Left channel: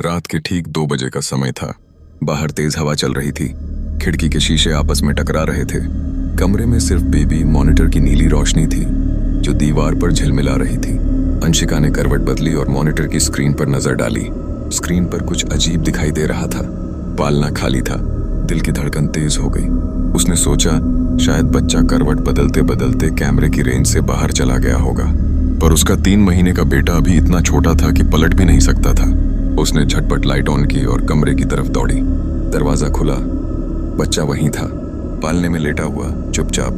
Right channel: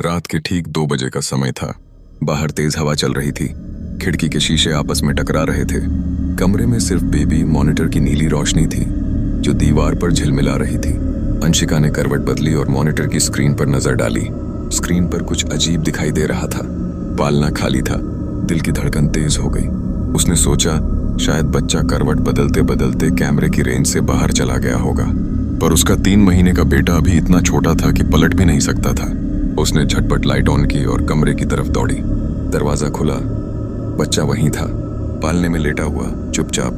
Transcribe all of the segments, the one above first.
रात के ठीक 2 बजे का समय था। बाहर तेज हवा चल रही थी। खिड़की के शीशे आपस में टकरा रहे थे। कमरे में सिर्फ बेबी मॉनिटर की नीली रोशनी थी जो दीवार पर झिलमिला रही थी। अंशिका ने करवट बदली और मॉनिटर की स्क्रीन पर नजर डाली। स्क्रीन पर कुछ अजीब दिखाई दे रहा था। पालना खाली था। दिल की धड़कन तेज हो गई। उसने सोचा शायद बच्चा करवट बदलते बदलते कैमरे की रेंज से बाहर चला गया होगा, पर उसका 3 महीने का बेटा अभी इतना छोटा था कि पलट भी नहीं सकता था। उसने झटपट लाइट ऑन की और कमरे की तरफ दौड़ी। दरवाजा खुला। बच्चा वहीं था, पालने में लेटा हुआ, चुपचाप।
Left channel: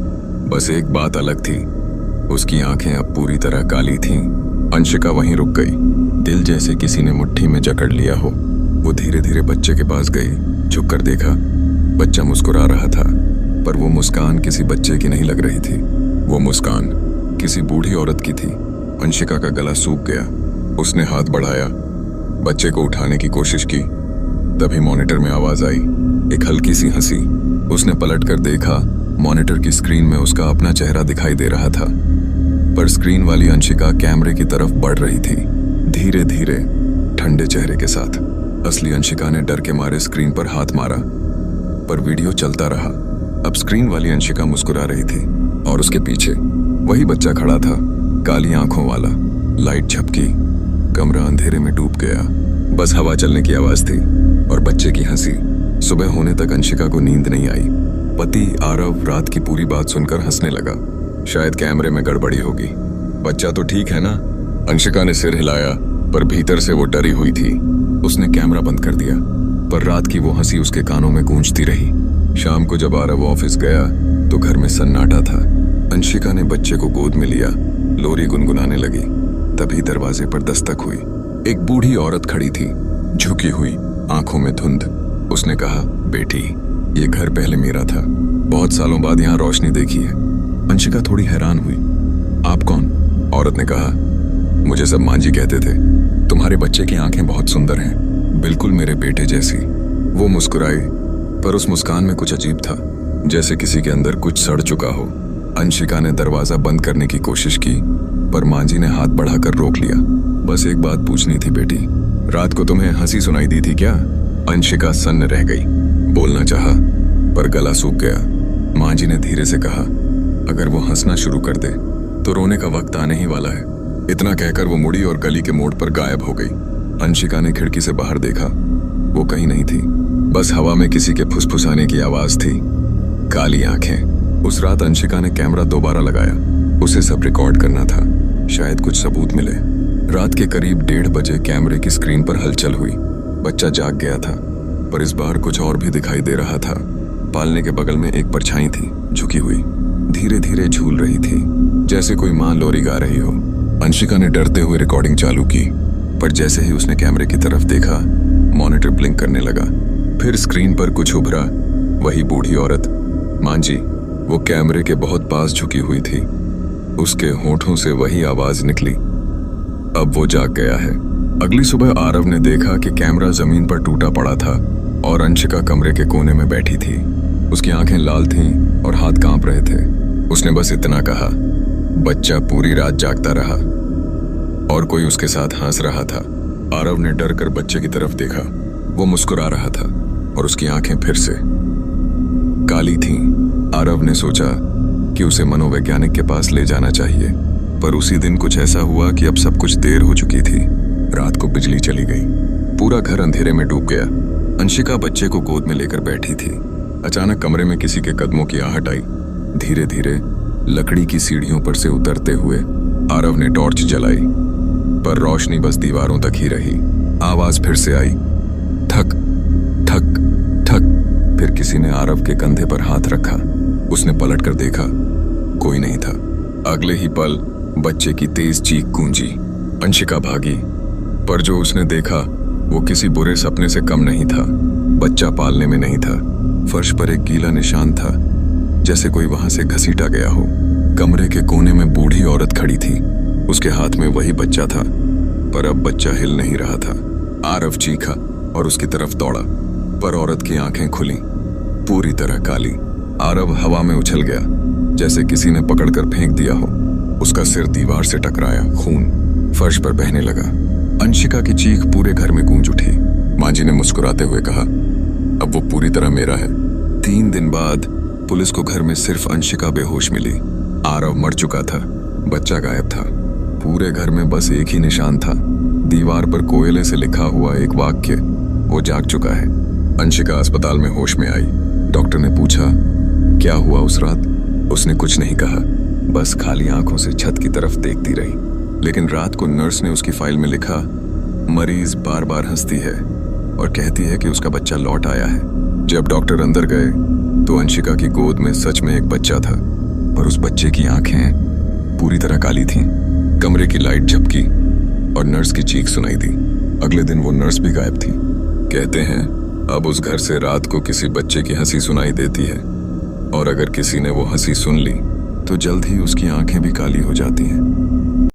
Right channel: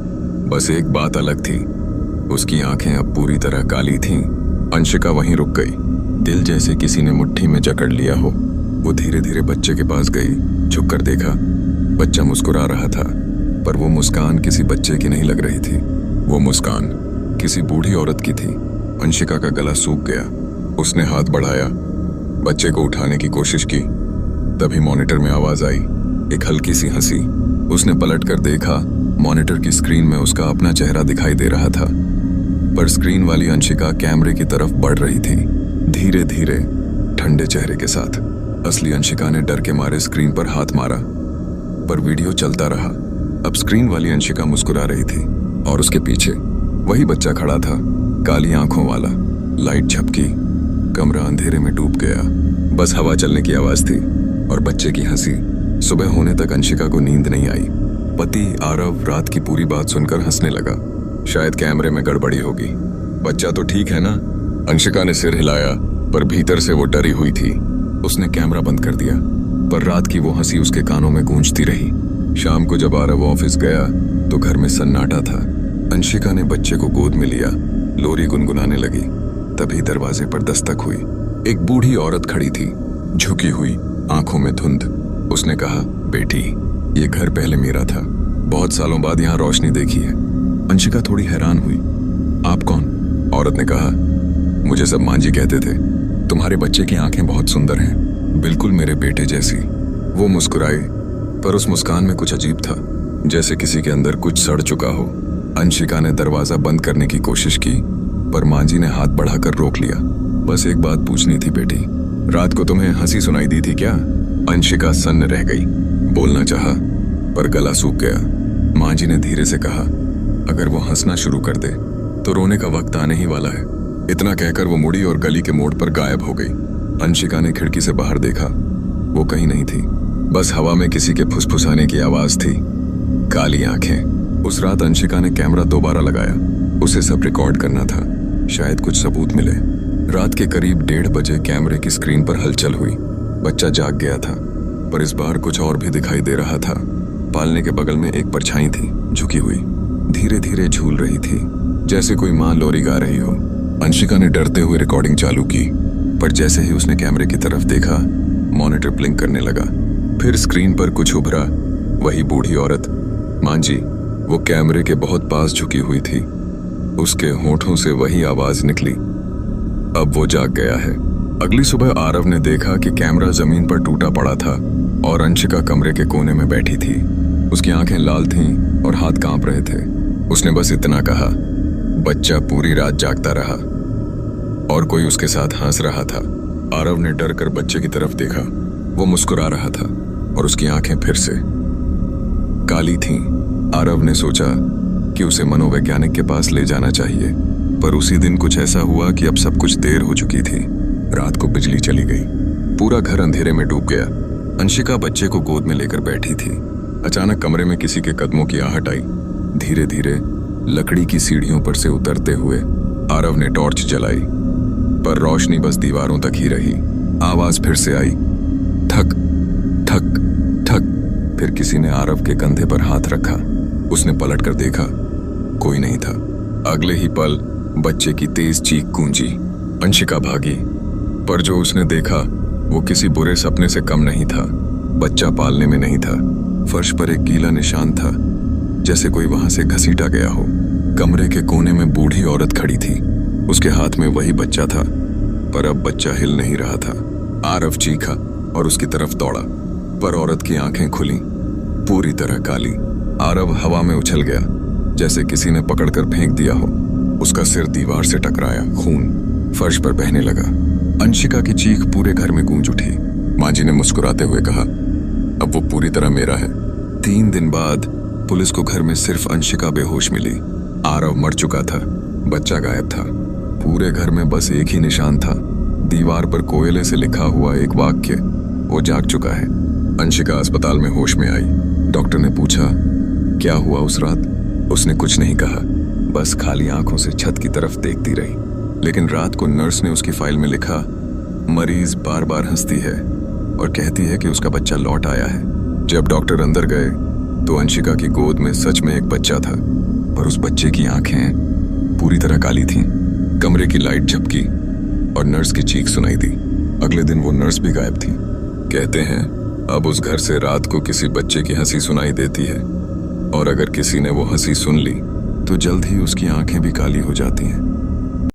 बस एक बात अलग थी, उसकी आंखें अब पूरी तरह काली थीं। अंशिका वहीं रुक गई, दिल जैसे किसी ने मुट्ठी में जकड़ लिया हो। वो धीरे धीरे बच्चे के पास गई, झुककर देखा। बच्चा मुस्कुरा रहा था, पर वो मुस्कान किसी बच्चे की नहीं लग रही थी। वो मुस्कान किसी बूढ़ी औरत की थी। अंशिका का गला सूख गया। उसने हाथ बढ़ाया, बच्चे को उठाने की कोशिश की। तभी मॉनिटर में आवाज आई, एक हल्की सी हंसी। उसने पलटकर देखा, मॉनिटर की स्क्रीन में उसका अपना चेहरा दिखाई दे रहा था, पर स्क्रीन वाली अंशिका कैमरे की तरफ बढ़ रही थी, धीरे धीरे, ठंडे चेहरे के साथ। असली अंशिका ने डर के मारे स्क्रीन पर हाथ मारा, पर वीडियो चलता रहा। अब स्क्रीन वाली अंशिका मुस्कुरा रही थी और उसके पीछे वही बच्चा खड़ा था, काली आंखों वाला। लाइट झपकी, कमरा अंधेरे में डूब गया। बस हवा चलने की आवाज थी और बच्चे की हंसी। सुबह होने तक अंशिका को नींद नहीं आई। पति आरव रात की पूरी बात सुनकर हंसने लगा। शायद कैमरे में गड़बड़ी होगी। बच्चा तो ठीक है ना? अंशिका ने सिर हिलाया, पर भीतर से वो डरी हुई थी। उसने कैमरा बंद कर दिया, पर रात की वो हंसी उसके कानों में गूंजती रही। शाम को जब आरव ऑफिस गया तो घर में सन्नाटा था। अंशिका ने बच्चे को गोद में लिया, लोरी गुनगुनाने लगी। तभी दरवाजे पर दस्तक हुई। एक बूढ़ी औरत खड़ी थी, झुकी हुई, आंखों में धुंध। उसने कहा, बेटी, ये घर पहले मेरा था। बहुत सालों बाद यहाँ रोशनी देखी है। अंशिका थोड़ी हैरान हुई। आप कौन? औरत ने कहा, मुझे सब मांझी कहते थे। तुम्हारे बच्चे की आंखें बहुत सुंदर हैं, बिल्कुल मेरे बेटे जैसी। वो मुस्कुराई, पर उस मुस्कान में कुछ अजीब था, जैसे किसी के अंदर कुछ सड़ चुका हो। अंशिका ने दरवाजा बंद करने की कोशिश की, पर मांझी ने हाथ बढ़ाकर रोक लिया। बस एक बात पूछनी थी बेटी, रात को तुम्हें हंसी सुनाई दी थी क्या? अंशिका सन्न रह गई। बोलना चाहा, पर गला सूख गया। मांझी ने धीरे से कहा, अगर वो हंसना शुरू कर दे तो रोने का वक्त आने ही वाला है। इतना कहकर वो मुड़ी और गली के मोड़ पर गायब हो गई। अंशिका ने खिड़की से बाहर देखा। वो कहीं नहीं थी, बस हवा में किसी के फुसफुसाने की आवाज थी। काली आंखें। उस रात अंशिका ने कैमरा दोबारा लगाया। उसे सब रिकॉर्ड करना था, शायद कुछ सबूत मिले। रात के करीब 1:30 बजे कैमरे की स्क्रीन पर हलचल हुई। बच्चा जाग गया था, पर इस बार कुछ और भी दिखाई दे रहा था। पालने के बगल में एक परछाई थी, झुकी हुई, धीरे धीरे झूल रही थी, जैसे कोई माँ लोरी गा रही हो। अंशिका ने डरते हुए रिकॉर्डिंग चालू की, पर जैसे ही उसने कैमरे की तरफ देखा, मॉनिटर ब्लिंक करने लगा। फिर स्क्रीन पर कुछ उभरा, वही बूढ़ी औरत, मांझी। वो कैमरे के बहुत पास झुकी हुई थी। उसके होठों से वही आवाज निकली। अब वो जाग गया है। अगली सुबह आरव ने देखा कि कैमरा जमीन पर टूटा पड़ा था और अंशिका कमरे के कोने में बैठी थी। उसकी आंखें लाल थीं और हाथ कांप रहे थे। उसने बस इतना कहा, बच्चा पूरी रात जागता रहा और कोई उसके साथ हंस रहा था। आरव ने डर कर बच्चे की तरफ देखा। वो मुस्कुरा रहा था और उसकी आंखें फिर से काली थीं। आरव ने सोचा कि उसे मनोवैज्ञानिक के पास ले जाना चाहिए, पर उसी दिन कुछ ऐसा हुआ कि अब सब कुछ देर हो चुकी थी। रात को बिजली चली गई। पूरा घर अंधेरे में डूब गया। अंशिका बच्चे को गोद में लेकर बैठी थी। अचानक कमरे में किसी के कदमों की आहट आई। धीरे धीरे लकड़ी की सीढ़ियों पर से उतरते हुए आरव ने टॉर्च जलाई, पर रोशनी बस दीवारों तक ही रही। आवाज फिर से आई, ठक ठक ठक। फिर किसी ने आरव के कंधे पर हाथ रखा। उसने पलटकर देखा, कोई नहीं था। अगले ही पल बच्चे की तेज चीख गूंजी। अंशिका भागी, पर जो उसने देखा वो किसी बुरे सपने से कम नहीं था। बच्चा पालने में नहीं था। फर्श पर एक गीला निशान था, जैसे कोई वहां से घसीटा गया हो। कमरे के कोने में बूढ़ी औरत खड़ी थी। उसके हाथ में वही बच्चा था, पर अब बच्चा हिल नहीं रहा था। आरव चीखा और उसकी तरफ दौड़ा, पर औरत की आंखें खुली, पूरी तरह काली। आरव हवा में उछल गया, जैसे किसी ने पकड़कर फेंक दिया हो। उसका सिर दीवार से टकराया, खून फर्श पर बहने लगा। अंशिका की चीख पूरे घर में गूंज उठी। माँ जी ने मुस्कुराते हुए कहा, अब वो पूरी तरह मेरा है। 3 दिन बाद पुलिस को घर में सिर्फ अंशिका बेहोश मिली। आरव मर चुका था, बच्चा गायब था। पूरे घर में बस एक ही निशान था, दीवार पर कोयले से लिखा हुआ एक वाक्य, वो जाग चुका है। अंशिका अस्पताल में होश में आई। डॉक्टर ने पूछा, क्या हुआ उस रात? उसने कुछ नहीं कहा, बस खाली आंखों से छत की तरफ देखती रही। लेकिन रात को नर्स ने उसकी फाइल में लिखा, मरीज बार बार हंसती है और कहती है कि उसका बच्चा लौट आया है। जब डॉक्टर अंदर गए तो अंशिका की गोद में सच में एक बच्चा था, पर उस बच्चे की आंखें पूरी तरह काली थीं। कमरे की लाइट झपकी और नर्स की चीख सुनाई दी। अगले दिन वो नर्स भी गायब थी। कहते हैं अब उस घर से रात को किसी बच्चे की हंसी सुनाई देती है, और अगर किसी ने वो हंसी सुन ली तो जल्द ही उसकी आंखें भी काली हो जाती हैं।